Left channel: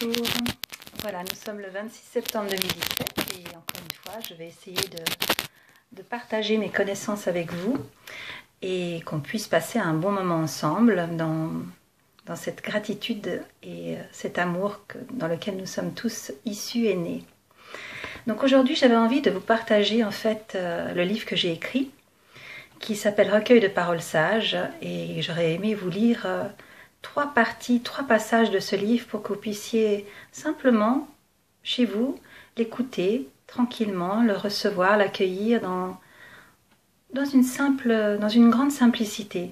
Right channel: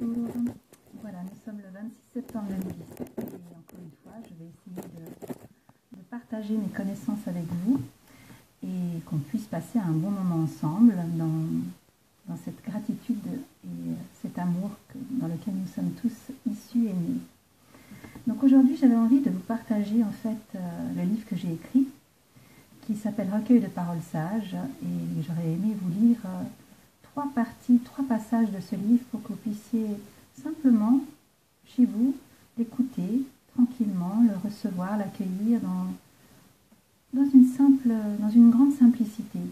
Bonjour, voilà, nous sommes le 26 septembre 2017 et encore une fois, je vais essayer de partager mes connaissances avec vous et qu'on puisse passer un bon moment ensemble dans cette gratitude et cet amour dans lequel nous sommes tous issus et nés. Donc aujourd'hui, j'avais envie de vous partager en fait le livre que j'ai écrit qui s'appelle Recueil de paroles sages et j'aurais aimé vous lire trois passages de ce livre pour que vous puissiez simplement, chez vous, l'écouter tranquillement, le recevoir, l'accueillir dans une grande simplicité.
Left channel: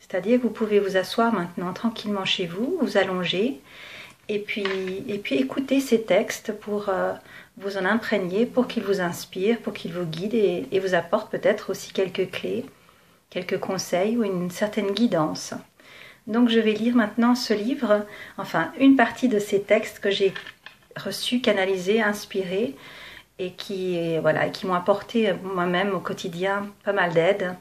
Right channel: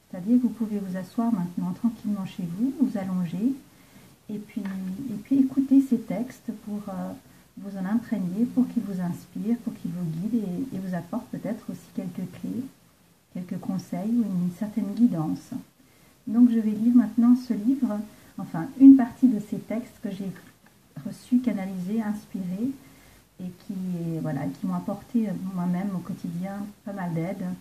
C'est-à-dire que vous pouvez vous asseoir maintenant tranquillement chez vous, vous allonger, et puis écouter ces textes pour vous en imprégner, pour qu'ils vous inspirent, pour qu'ils vous guident et vous apportent peut-être aussi quelques clés, quelques conseils ou une certaine guidance. Donc je vais lire maintenant ce livre, enfin une partie de ces textes que j'ai reçus, canalisés, inspirés et qui m'ont apporté moi-même au quotidien pas mal d'aide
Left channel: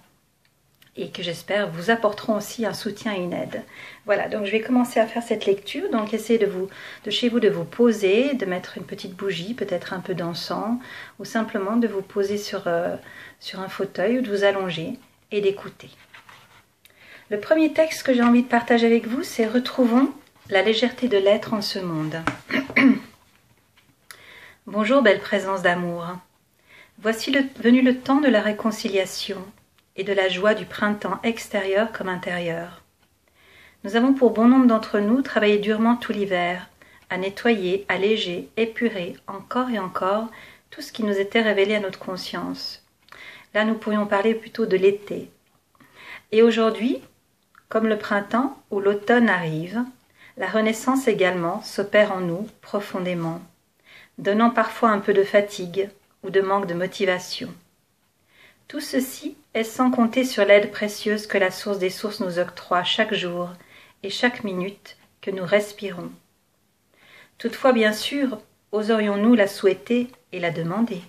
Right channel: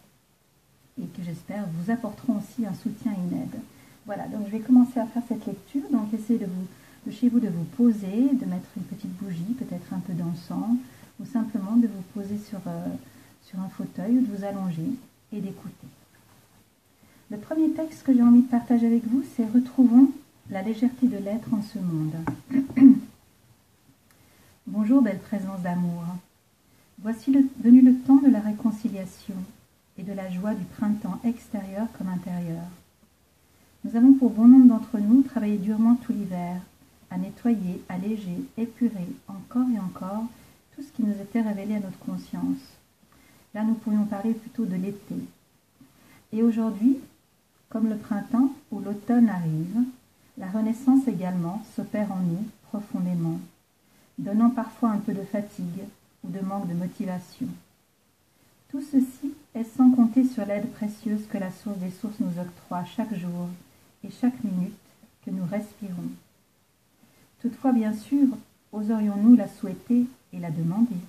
et que j'espère vous apporteront aussi un soutien et une aide. Voilà, donc je vais commencer à faire cette lecture. Donc essayez de chez vous de vous poser, de mettre une petite bougie, peut-être un peu d'encens ou simplement de vous poser sur un fauteuil ou de vous allonger et d'écouter. Le premier texte que j'ai envie de partager avec vous, c'est « Retrouvons la légèreté de l'être en ce monde ». Bonjour, belle présence d'amour. Voici venu le temps de la réconciliation et de la joie du printemps extérieur comme intérieur. Nous avons pour bon nombre d'entre nous travaillé durement tout l'hiver, à nettoyer, alléger, épurer, encore et encore, tout ce qui nous était révélé à notre conscience. Là, nous pourrions parler plutôt de l'été. Et aujourd'hui, comme le printemps ou l'automne arrive, la renaissance également s'opère en nous profondément, donnant parfois un peu de fatigue ou de manque de motivation. Tout ceci est sans compter sur l'aide précieuse que la source des sources nous octroie chaque jour et chaque minute que nous respirons. Toutefois, bien sûr, oserions-nous la souhaiter et la demander?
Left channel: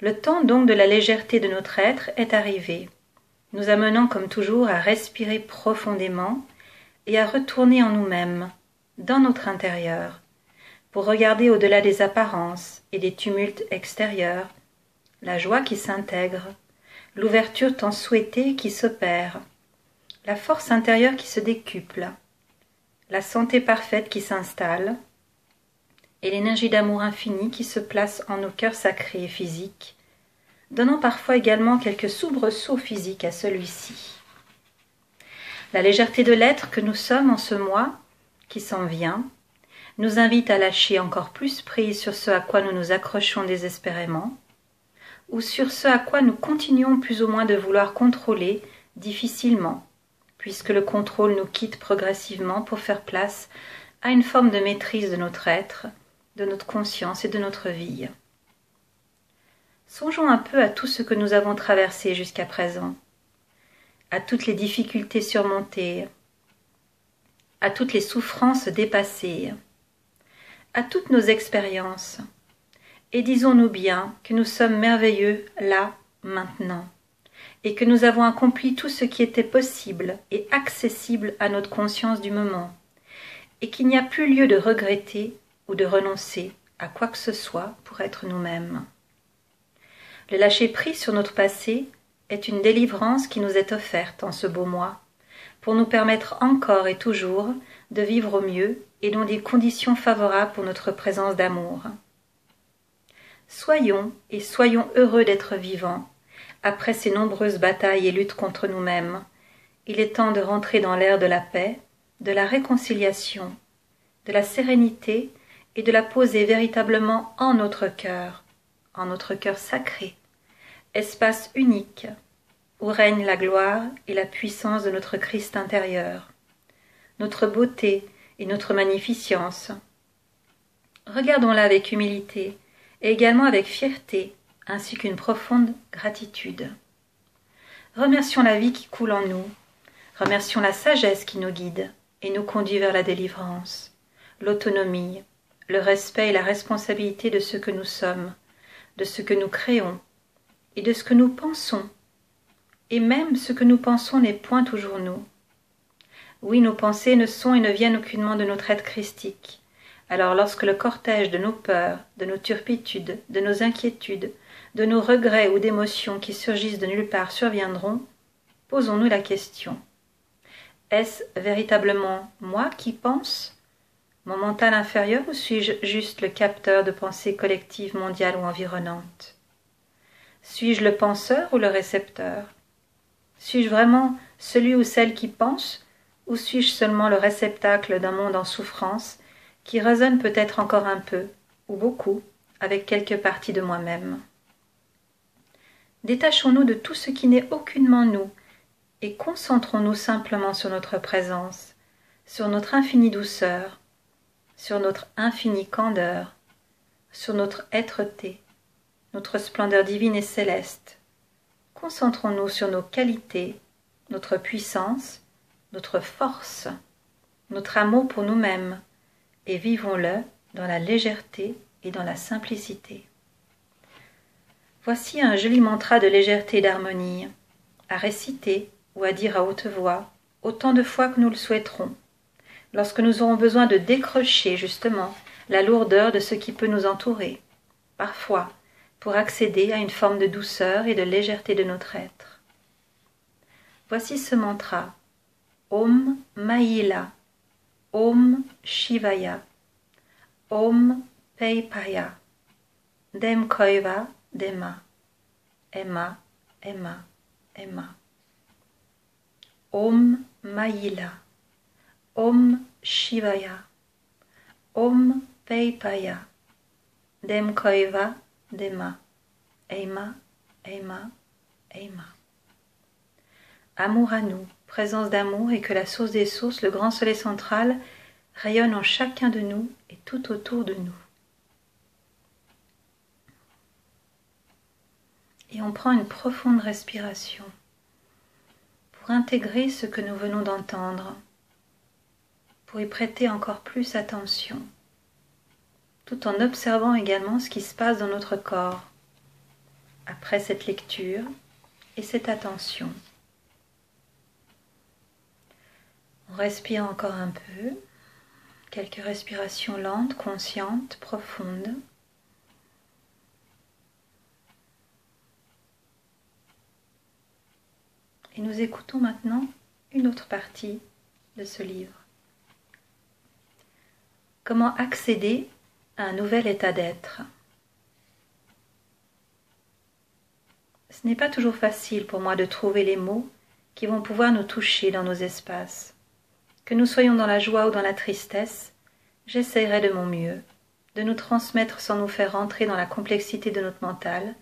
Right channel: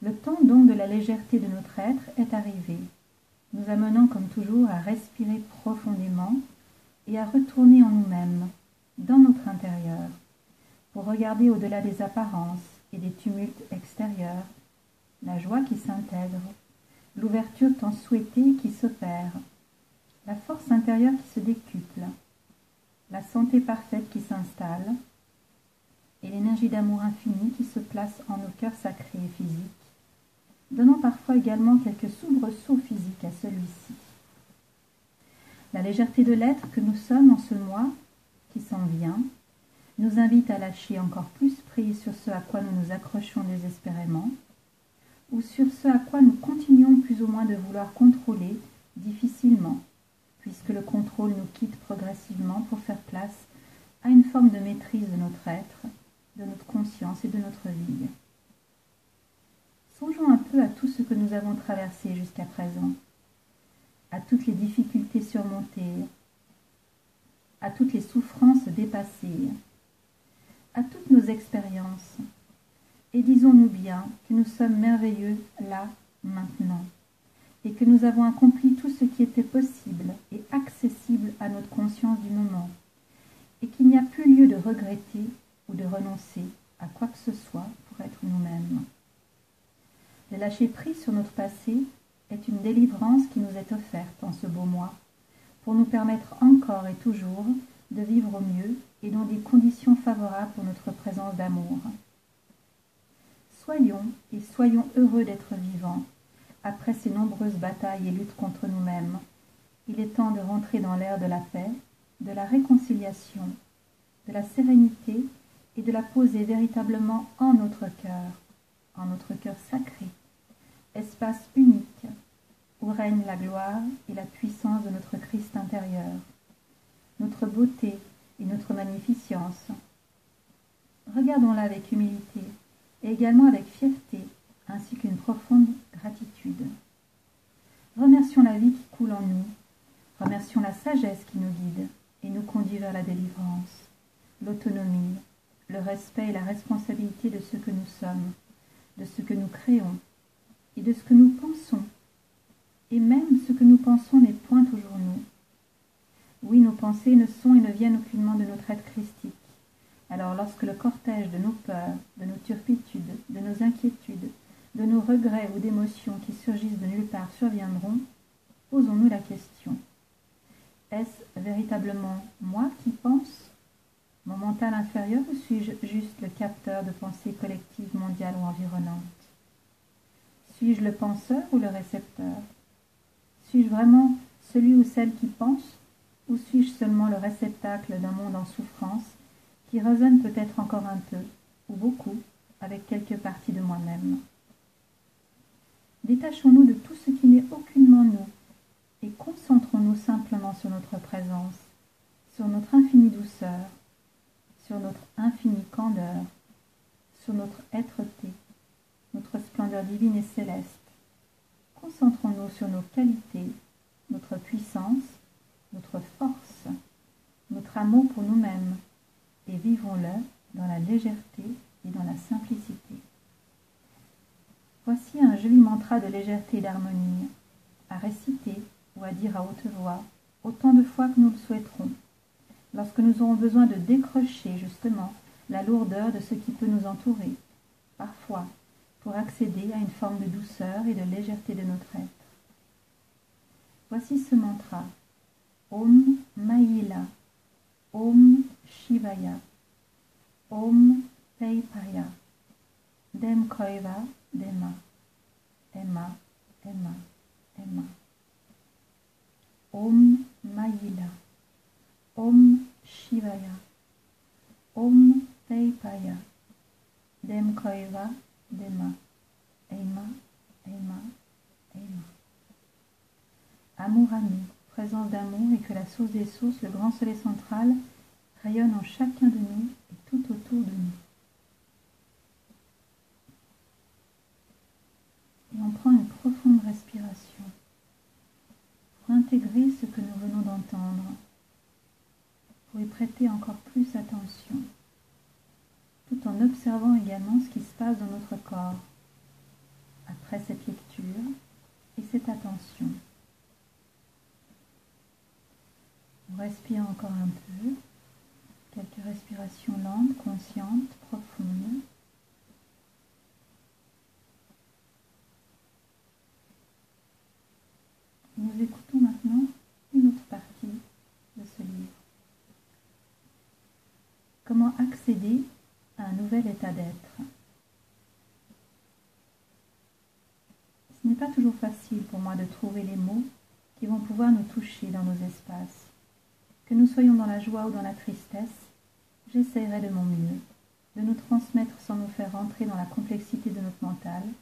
Le temps donc de la légèreté de notre être est arrivé, nous amenant comme toujours à respirer profondément et à retourner en nous-mêmes, dans notre intérieur, pour regarder au-delà des apparences et des tumultes extérieurs, la joie qui s'intègre, l'ouverture tant souhaitée qui s'opère, la force intérieure qui se décuple, la santé parfaite qui s'installe, et l'énergie d'amour infini qui se place en nos cœurs sacrés et physiques, donnant parfois également quelques soubresauts physiques à celui-ci. La légèreté de l'être que nous sommes en ce mois qui s'en vient nous invite à lâcher encore plus prise sur ce à quoi nous nous accrochons désespérément, ou sur ce à quoi nous continuons plus ou moins de vouloir contrôler difficilement, puisque le contrôle nous quitte progressivement pour faire place à une forme de maîtrise de notre être, de notre conscience et de notre vie. Songeons un peu à tout ce que nous avons traversé jusqu'à présent, à toutes les difficultés surmontées, à toutes les souffrances dépassées, à toutes nos expériences, et disons-nous bien que nous sommes merveilleux là, maintenant, et que nous avons accompli tout ce qui était possible et accessible à notre conscience du moment, et qu'il n'y a plus lieu de regretter ou de renoncer à quoi que ce soit pour être nous-mêmes. Le lâcher-prise sur notre passé est une délivrance qui nous est offerte en ce beau mois, pour nous permettre encore et toujours de vivre au mieux et dans des conditions favorables pour notre présence d'amour. Soyons heureux d'être vivants, après ces nombreuses batailles et luttes contre nous-mêmes. Il est temps de rentrer dans l'ère de la paix, de la réconciliation, de la sérénité et de la poser véritablement en notre cœur sacré, espace unique où règne la gloire et la puissance de notre Christ intérieur, notre beauté et notre magnificence. Regardons-la avec humilité et également avec fierté, ainsi qu'une profonde gratitude. Remercions la vie qui coule en nous, remercions la sagesse qui nous guide et nous conduit vers la délivrance, l'autonomie, le respect et la responsabilité de ce que nous sommes, de ce que nous créons et de ce que nous pensons. Et même ce que nous pensons n'est point toujours nous. Oui, nos pensées ne sont et ne viennent aucunement de notre être christique, Alors lorsque le cortège de nos peurs, de nos turpitudes, de nos inquiétudes, de nos regrets ou d'émotions qui surgissent de nulle part surviendront, posons-nous la question. Est-ce véritablement moi qui pense, mon mental inférieur, ou suis-je juste le capteur de pensées collectives mondiales ou environnantes? Suis-je le penseur ou le récepteur? Suis-je vraiment celui ou celle qui pense, ou suis-je seulement le réceptacle d'un monde en souffrance qui résonne peut-être encore un peu, ou beaucoup, avec quelques parties de moi-même? Détachons-nous de tout ce qui n'est aucunement nous, et concentrons-nous simplement sur notre présence, sur notre infinie douceur, sur notre infinie candeur, sur notre êtreté, notre splendeur divine et céleste. Concentrons-nous sur nos qualités, notre puissance, notre force, notre amour pour nous-mêmes, et vivons-le dans la légèreté et dans la simplicité. Voici un joli mantra de légèreté et d'harmonie, à réciter ou à dire à haute voix, autant de fois que nous le souhaiterons, lorsque nous aurons besoin de décrocher justement la lourdeur de ce qui peut nous entourer, parfois pour accéder à une forme de douceur et de légèreté de notre être. Voici ce mantra, Om Mahila, Om Shivaya, Om Peipaya, Dem Koiva Dema, Emma, Emma, Emma. Om Mahila, Om Shivaya, Om Peipaya, Dem Koiva Dema, Emma, Emma, Emma. Amour à nous, présence d'amour, et que la source des sources, le grand soleil central, rayonne en chacun de nous et tout autour de nous. Et on prend une profonde respiration pour intégrer ce que nous venons d'entendre, pour y prêter encore plus attention, tout en observant également ce qui se passe dans notre corps après cette lecture et cette attention. On respire encore un peu, quelques respirations lentes, conscientes, profondes. Et nous écoutons maintenant une autre partie de ce livre. Comment accéder à un nouvel état d'être? Ce n'est pas toujours facile pour moi de trouver les mots qui vont pouvoir nous toucher dans nos espaces. Que nous soyons dans la joie ou dans la tristesse, j'essaierai de mon mieux de nous transmettre sans nous faire rentrer dans la complexité de notre mental,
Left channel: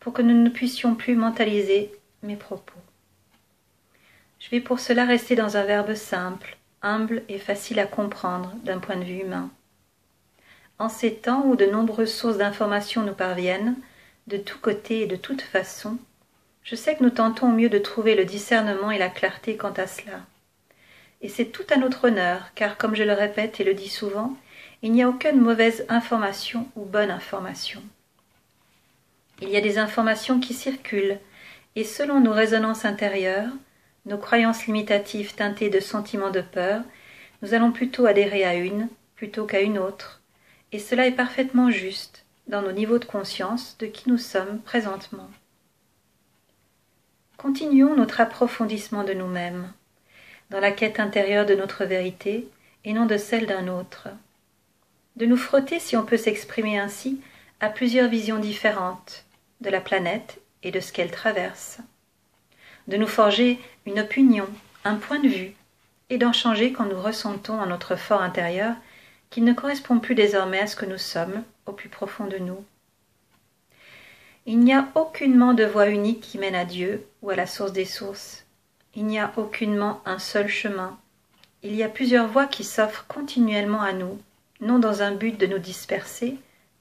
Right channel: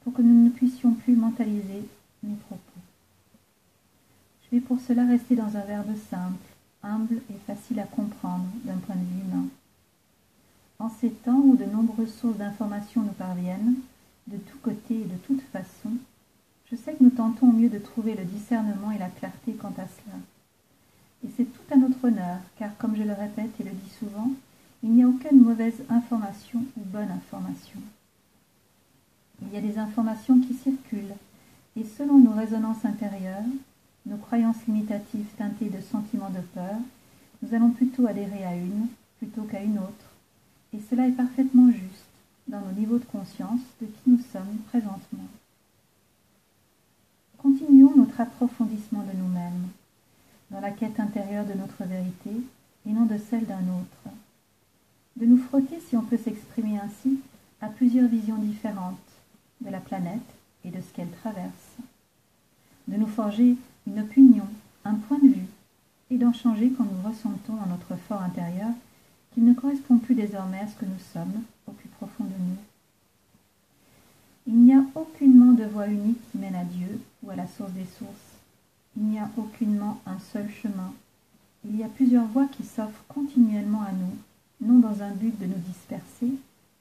pour que nous ne puissions plus mentaliser mes propos. Je vais pour cela rester dans un verbe simple, humble et facile à comprendre d'un point de vue humain. En ces temps où de nombreuses sources d'informations nous parviennent, de tous côtés et de toutes façons, je sais que nous tentons au mieux de trouver le discernement et la clarté quant à cela. Et c'est tout à notre honneur, car comme je le répète et le dis souvent, il n'y a aucune mauvaise information ou bonne information. Il y a des informations qui circulent, et selon nos résonances intérieures, nos croyances limitatives teintées de sentiments de peur, nous allons plutôt adhérer à une plutôt qu'à une autre, et cela est parfaitement juste dans nos niveaux de conscience de qui nous sommes présentement. Continuons notre approfondissement de nous-mêmes, dans la quête intérieure de notre vérité et non de celle d'un autre. De nous frotter, si on peut s'exprimer ainsi, à plusieurs visions différentes de la planète et de ce qu'elle traverse. De nous forger une opinion, un point de vue, et d'en changer quand nous ressentons en notre fort intérieur qu'il ne correspond plus désormais à ce que nous sommes au plus profond de nous. Il n'y a aucunement de voie unique qui mène à Dieu ou à la source des sources. Il n'y a aucunement un seul chemin. Il y a plusieurs voies qui s'offrent continuellement à nous, non dans un but de nous disperser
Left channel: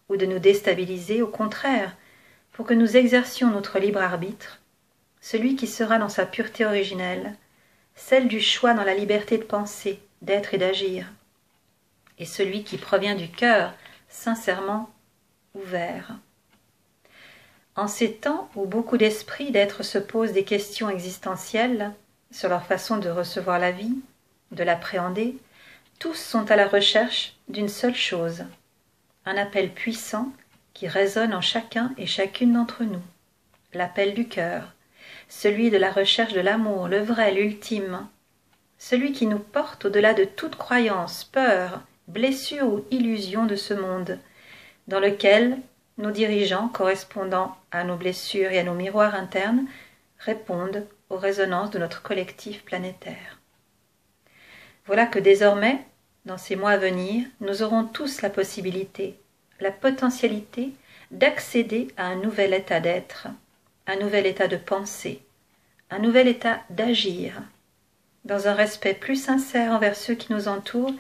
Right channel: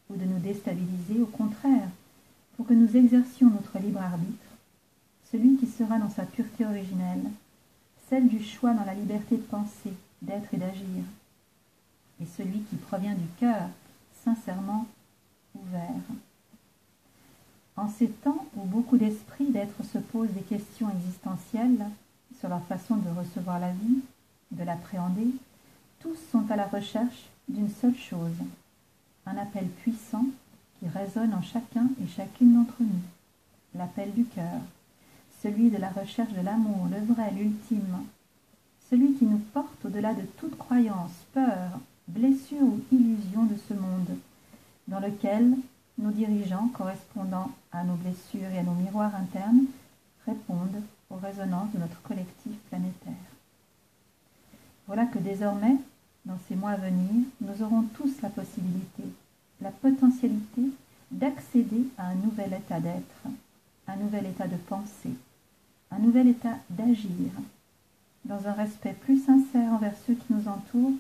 ou de nous déstabiliser, au contraire, pour que nous exercions notre libre arbitre, celui qui sera dans sa pureté originelle, celle du choix dans la liberté de penser, d'être et d'agir, et celui qui provient du cœur, sincèrement ouvert. En ces temps où beaucoup d'esprits d'êtres se posent des questions existentielles sur leur façon de recevoir la vie, de l'appréhender, Tous sont à la recherche d'une seule chose, un appel puissant qui résonne en chacun et chacune d'entre nous, l'appel du cœur, celui de la recherche de l'amour, le vrai, l'ultime, celui qui nous porte au-delà de toute croyance, peur, blessure ou illusion de ce monde, dans lequel nos dirigeants, correspondant à nos blessures et à nos miroirs internes, répondent aux résonances de notre collectif planétaire. Voilà que désormais, dans ces mois à venir, nous aurons tous la possibilité, la potentialité d'accéder à un nouvel état d'être, un nouvel état de pensée, un nouvel état d'agir, dans un respect plus sincère envers ceux qui nous entourent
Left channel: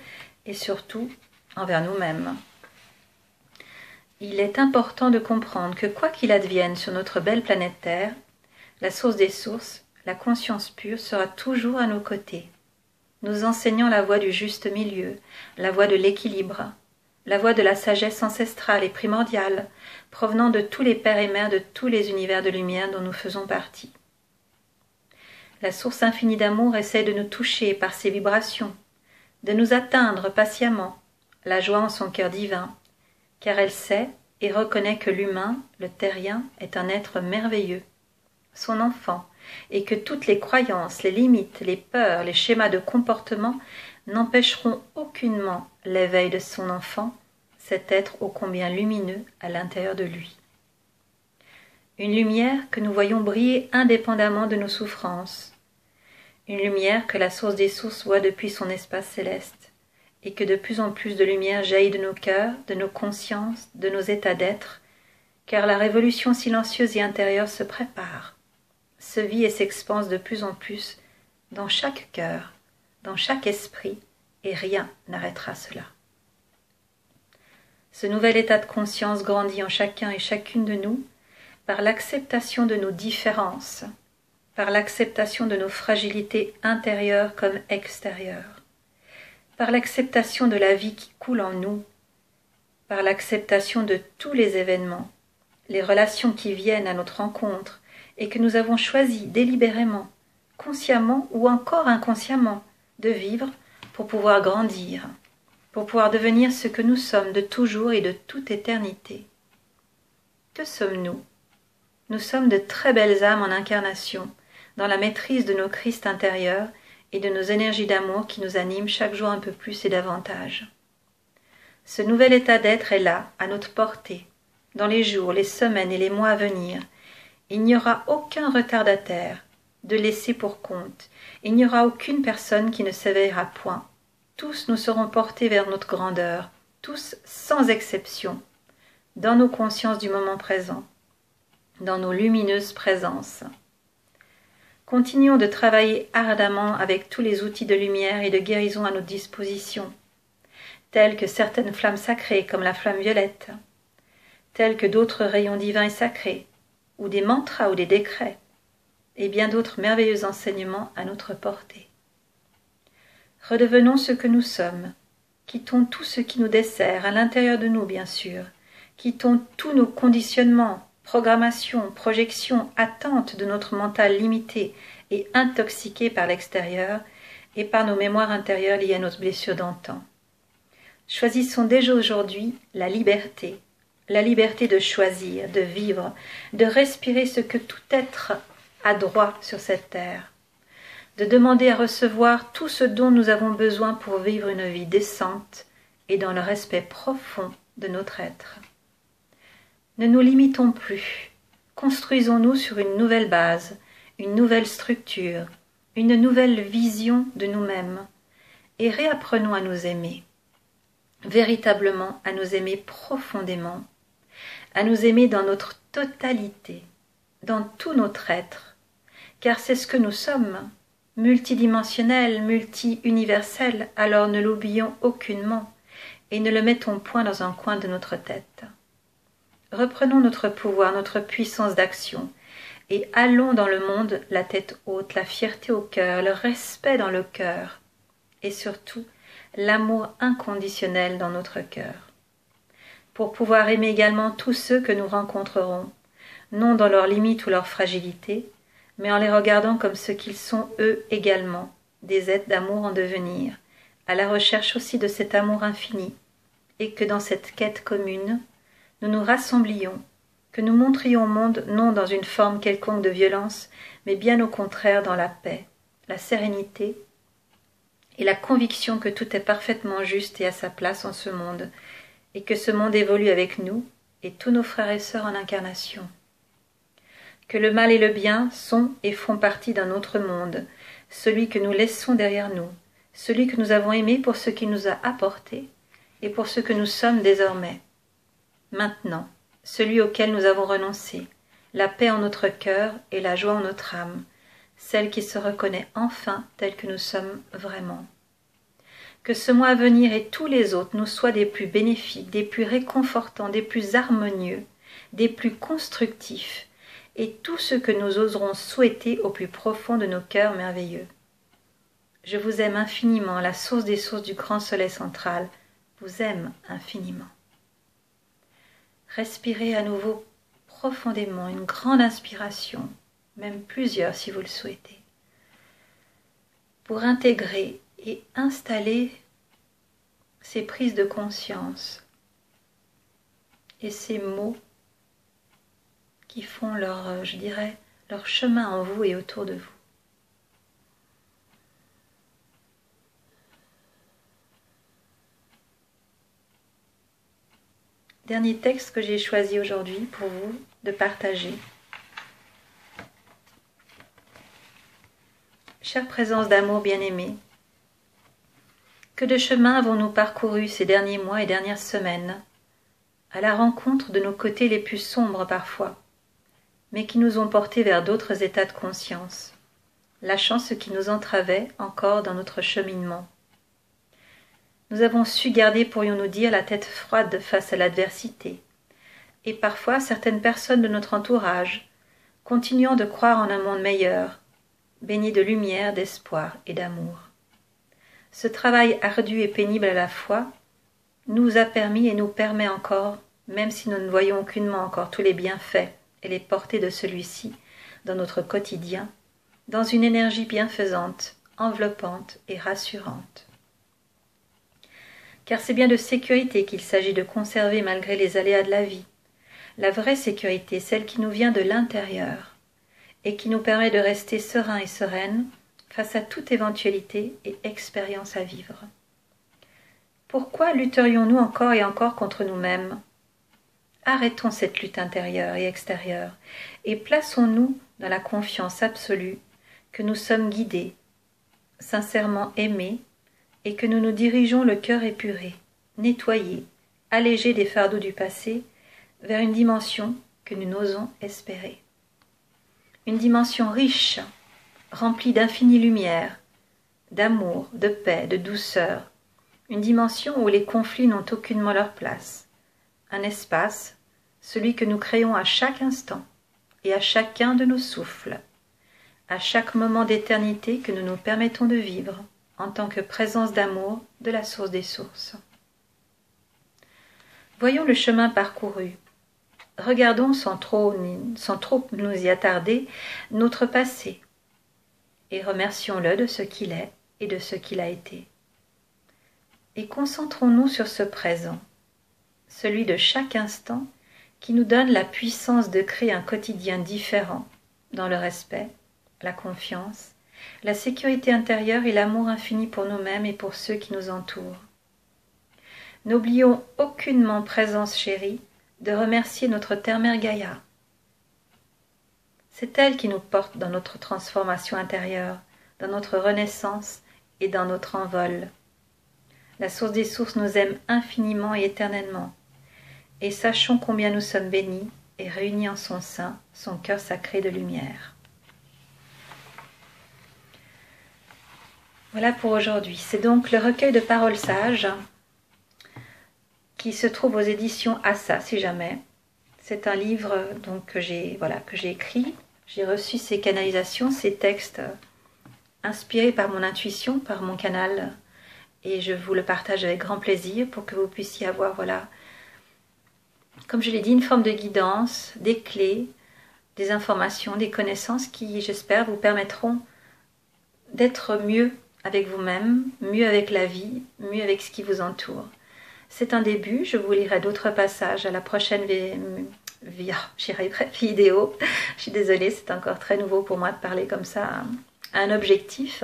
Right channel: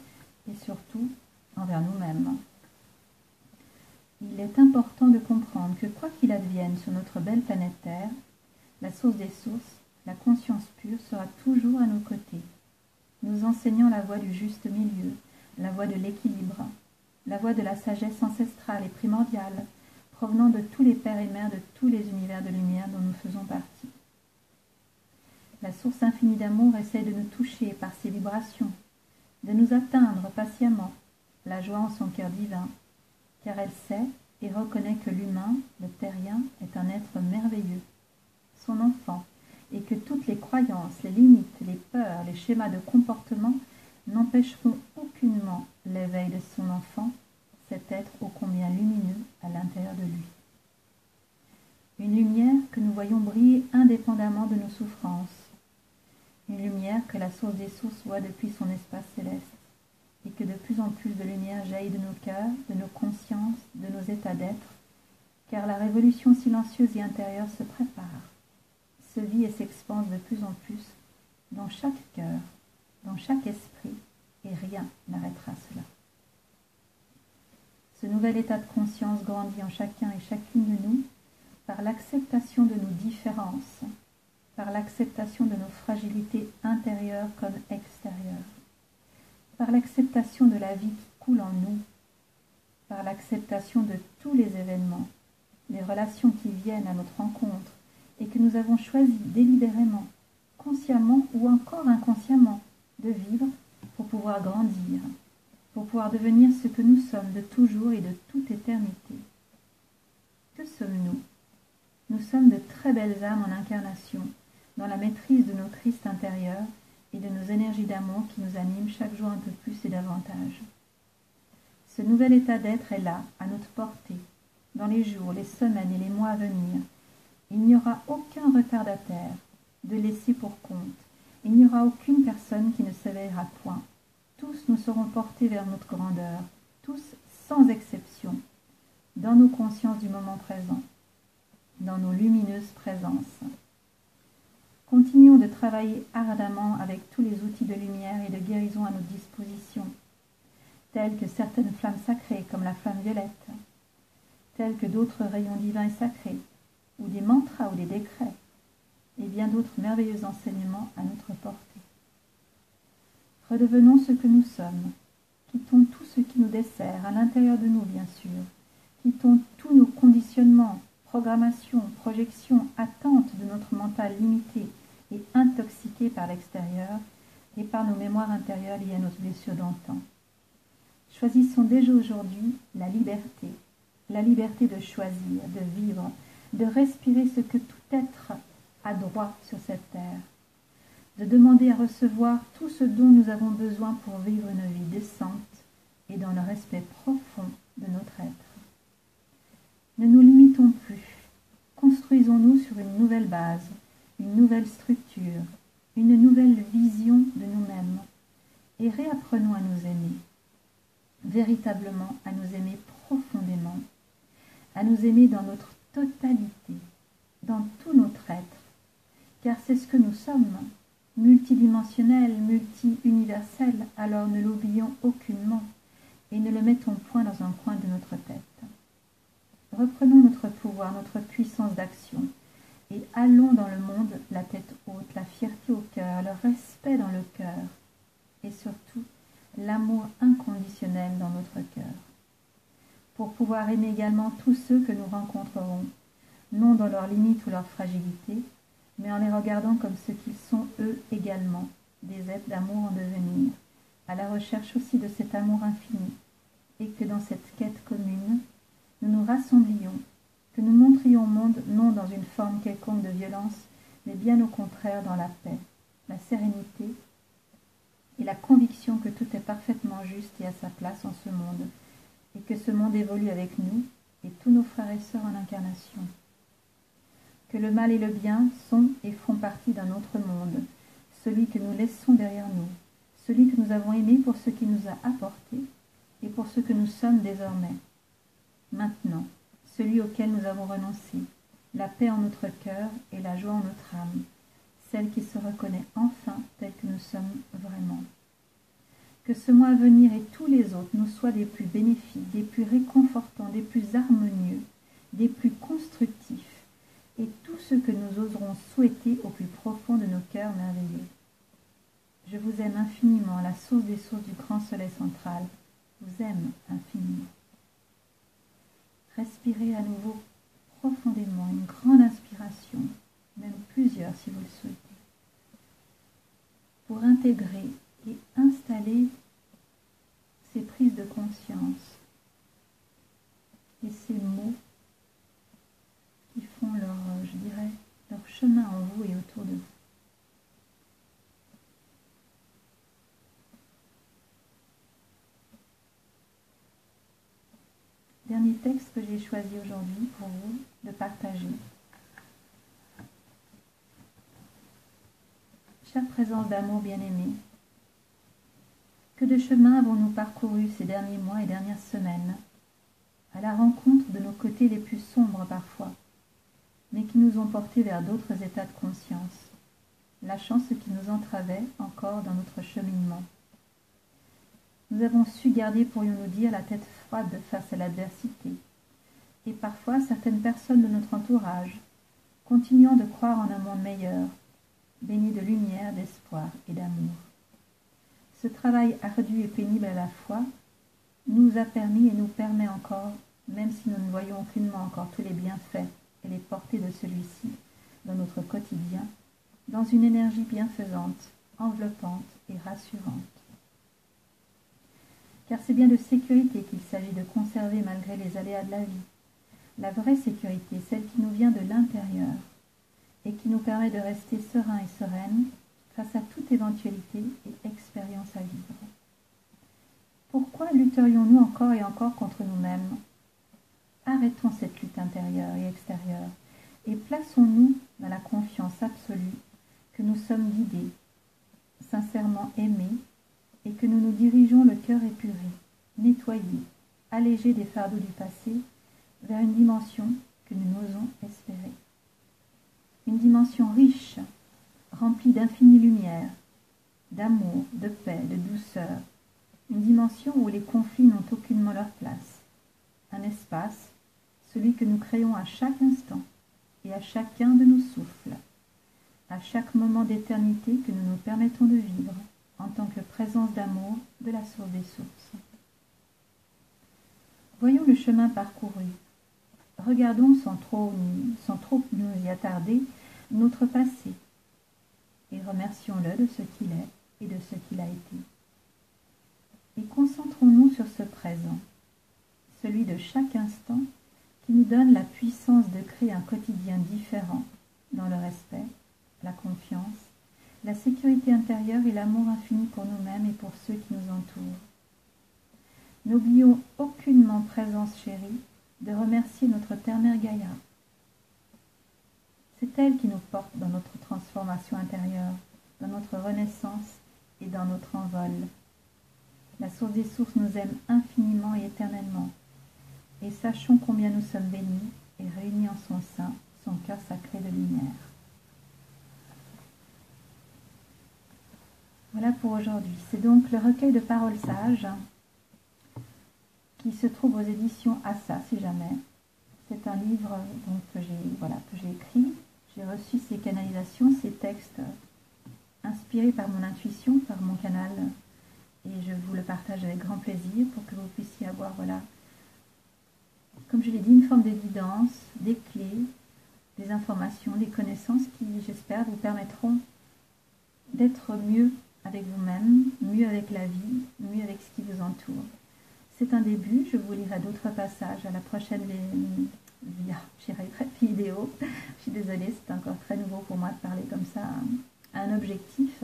et surtout envers nous-mêmes. Il est important de comprendre que quoi qu'il advienne sur notre belle planète Terre, la source des sources, la conscience pure sera toujours à nos côtés, nous enseignant la voie du juste milieu, la voie de l'équilibre, la voie de la sagesse ancestrale et primordiale, provenant de tous les pères et mères de tous les univers de lumière dont nous faisons partie. La source infinie d'amour essaie de nous toucher par ses vibrations, de nous atteindre patiemment, la joie en son cœur divin, car elle sait et reconnaît que l'humain, le terrien, est un être merveilleux, son enfant, et que toutes les croyances, les limites, les peurs, les schémas de comportement n'empêcheront aucunement l'éveil de son enfant, cet être ô combien lumineux à l'intérieur de lui. Une lumière que nous voyons briller indépendamment de nos souffrances, une lumière que la source des sources voit depuis son espace céleste, et que de plus en plus de lumière jaillit de nos cœurs, de nos consciences, de nos états d'être, car la révolution silencieuse et intérieure se prépare, se vit et s'expanse de plus en plus dans chaque cœur, dans chaque esprit, et rien n'arrêtera cela. Ce nouvel état de conscience grandit en chacun et chacune de nous par l'acceptation de nos différences, par l'acceptation de nos fragilités intérieures comme extérieures, par l'acceptation de la vie qui coule en nous, par l'acceptation de tous les événements, les relations qui viennent à notre rencontre et que nous avons choisi délibérément, consciemment ou encore inconsciemment, de vivre pour pouvoir grandir, pour pouvoir devenir ce que nous sommes de toujours et de toute éternité. Que sommes-nous? Nous sommes de très belles âmes en incarnation, dans la maîtrise de nos Christ intérieurs et de nos énergies d'amour qui nous animent chaque jour un peu plus et davantage. Ce nouvel état d'être est là, à notre portée, dans les jours, les semaines et les mois à venir. Il n'y aura aucun retardataire de laisser pour compte. Il n'y aura aucune personne qui ne s'éveillera point. Tous nous serons portés vers notre grandeur, tous sans exception, dans nos consciences du moment présent, dans nos lumineuses présences. Continuons de travailler ardemment avec tous les outils de lumière et de guérison à notre disposition, tels que certaines flammes sacrées comme la flamme violette, tels que d'autres rayons divins et sacrés, ou des mantras ou des décrets, et bien d'autres merveilleux enseignements à notre portée. Redevenons ce que nous sommes, quittons tout ce qui nous dessert, à l'intérieur de nous bien sûr, quittons tous nos conditionnements, programmations, projections, attentes de notre mental limité et intoxiqué par l'extérieur et par nos mémoires intérieures liées à nos blessures d'antan. Choisissons déjà aujourd'hui la liberté de choisir, de vivre, de respirer ce que tout être a droit sur cette terre, de demander à recevoir tout ce dont nous avons besoin pour vivre une vie décente et dans le respect profond de notre être. Ne nous limitons plus, construisons-nous sur une nouvelle base, une nouvelle structure, une nouvelle vision de nous-mêmes, et réapprenons à nous aimer, véritablement à nous aimer profondément, à nous aimer dans notre totalité, dans tout notre être, car c'est ce que nous sommes, multidimensionnels, multi-universels, alors ne l'oublions aucunement, et ne le mettons point dans un coin de notre tête. Reprenons notre pouvoir, notre puissance d'action, et allons dans le monde la tête haute, la fierté au cœur, le respect dans le cœur, et surtout l'amour inconditionnel dans notre cœur, pour pouvoir aimer également tous ceux que nous rencontrerons, non dans leurs limites ou leurs fragilités, mais en les regardant comme ce qu'ils sont eux également, des êtres d'amour en devenir, à la recherche aussi de cet amour infini, et que dans cette quête commune, nous nous rassemblions, que nous montrions au monde non dans une forme quelconque de violence, mais bien au contraire dans la paix, la sérénité et la conviction que tout est parfaitement juste et à sa place en ce monde, et que ce monde évolue avec nous et tous nos frères et sœurs en incarnation. Que le mal et le bien sont et font partie d'un autre monde, celui que nous laissons derrière nous, celui que nous avons aimé pour ce qu'il nous a apporté et pour ce que nous sommes désormais. Maintenant, celui auquel nous avons renoncé, la paix en notre cœur et la joie en notre âme, celle qui se reconnaît enfin telle que nous sommes vraiment. Que ce mois à venir et tous les autres nous soient des plus bénéfiques, des plus réconfortants, des plus harmonieux, des plus constructifs, et tout ce que nous oserons souhaiter au plus profond de nos cœurs merveilleux. Je vous aime infiniment, la source des sources du grand soleil central vous aime infiniment. Respirez à nouveau profondément une grande inspiration, même plusieurs si vous le souhaitez, pour intégrer et installer ces prises de conscience et ces mots qui font leur, je dirais, leur chemin en vous et autour de vous. Dernier texte que j'ai choisi aujourd'hui pour vous de partager. Chère présence d'amour bien-aimée, que de chemin avons-nous parcouru ces derniers mois et dernières semaines, à la rencontre de nos côtés les plus sombres parfois, mais qui nous ont portés vers d'autres états de conscience, lâchant ce qui nous entravait encore dans notre cheminement. Nous avons su garder, pourrions-nous dire, la tête froide face à l'adversité, et parfois certaines personnes de notre entourage, continuant de croire en un monde meilleur, baigné de lumière, d'espoir et d'amour. Ce travail ardu et pénible à la fois nous a permis et nous permet encore, même si nous ne voyons aucunement encore tous les bienfaits et les portées de celui-ci dans notre quotidien, dans une énergie bienfaisante, enveloppante et rassurante. Car c'est bien de sécurité qu'il s'agit de conserver malgré les aléas de la vie. La vraie sécurité, celle qui nous vient de l'intérieur et qui nous permet de rester sereins et sereines face à toute éventualité et expérience à vivre. Pourquoi lutterions-nous encore et encore contre nous-mêmes? Arrêtons cette lutte intérieure et extérieure et plaçons-nous dans la confiance absolue que nous sommes guidés, sincèrement aimés, et que nous nous dirigeons le cœur épuré, nettoyé, allégé des fardeaux du passé, vers une dimension que nous n'osons espérer. Une dimension riche, remplie d'infinie lumière, d'amour, de paix, de douceur, une dimension où les conflits n'ont aucunement leur place, un espace, celui que nous créons à chaque instant et à chacun de nos souffles, à chaque moment d'éternité que nous nous permettons de vivre, en tant que présence d'amour de la source des sources. Voyons le chemin parcouru. Regardons sans trop nous y attarder notre passé et remercions-le de ce qu'il est et de ce qu'il a été. Et concentrons-nous sur ce présent, celui de chaque instant qui nous donne la puissance de créer un quotidien différent dans le respect, la confiance, la sécurité intérieure et l'amour infini pour nous-mêmes et pour ceux qui nous entourent. N'oublions aucunement, présence chérie, de remercier notre terre-mère Gaïa. C'est elle qui nous porte dans notre transformation intérieure, dans notre renaissance et dans notre envol. La source des sources nous aime infiniment et éternellement, et sachons combien nous sommes bénis et réunis en son sein, son cœur sacré de lumière. Voilà pour aujourd'hui. C'est donc le recueil de paroles sages qui se trouve aux éditions Assa, si jamais. C'est un livre donc, que j'ai écrit. J'ai reçu ces canalisations, ces textes inspirés par mon intuition, par mon canal. Et je vous le partage avec grand plaisir pour que vous puissiez avoir, voilà, comme je l'ai dit, une forme de guidance, des clés, des informations, des connaissances qui, j'espère, vous permettront d'être mieux avec vous-même, mieux avec la vie, mieux avec ce qui vous entoure. C'est un début, je vous lirai d'autres passages à la prochaine vidéo. Je suis désolée, c'est encore très nouveau pour moi de parler comme ça à un objectif.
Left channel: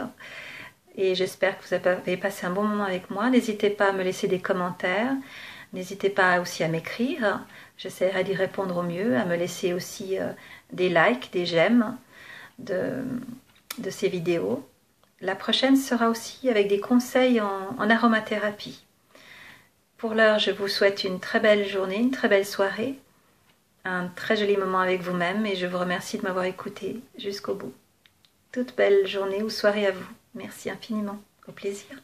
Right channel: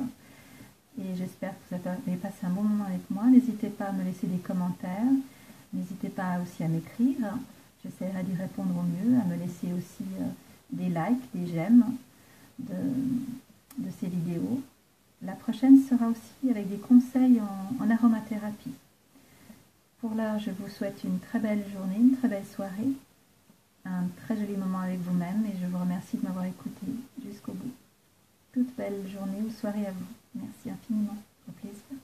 Et j'espère que vous avez passé un bon moment avec moi. N'hésitez pas à me laisser des commentaires. N'hésitez pas aussi à m'écrire. J'essaierai d'y répondre au mieux, à me laisser aussi des likes, des j'aime de ces vidéos. La prochaine sera aussi avec des conseils en aromathérapie. Pour l'heure, je vous souhaite une très belle journée, une très belle soirée, un très joli moment avec vous-même et je vous remercie de m'avoir écouté jusqu'au bout. Toute belle journée ou soirée à vous. Merci infiniment. Au plaisir.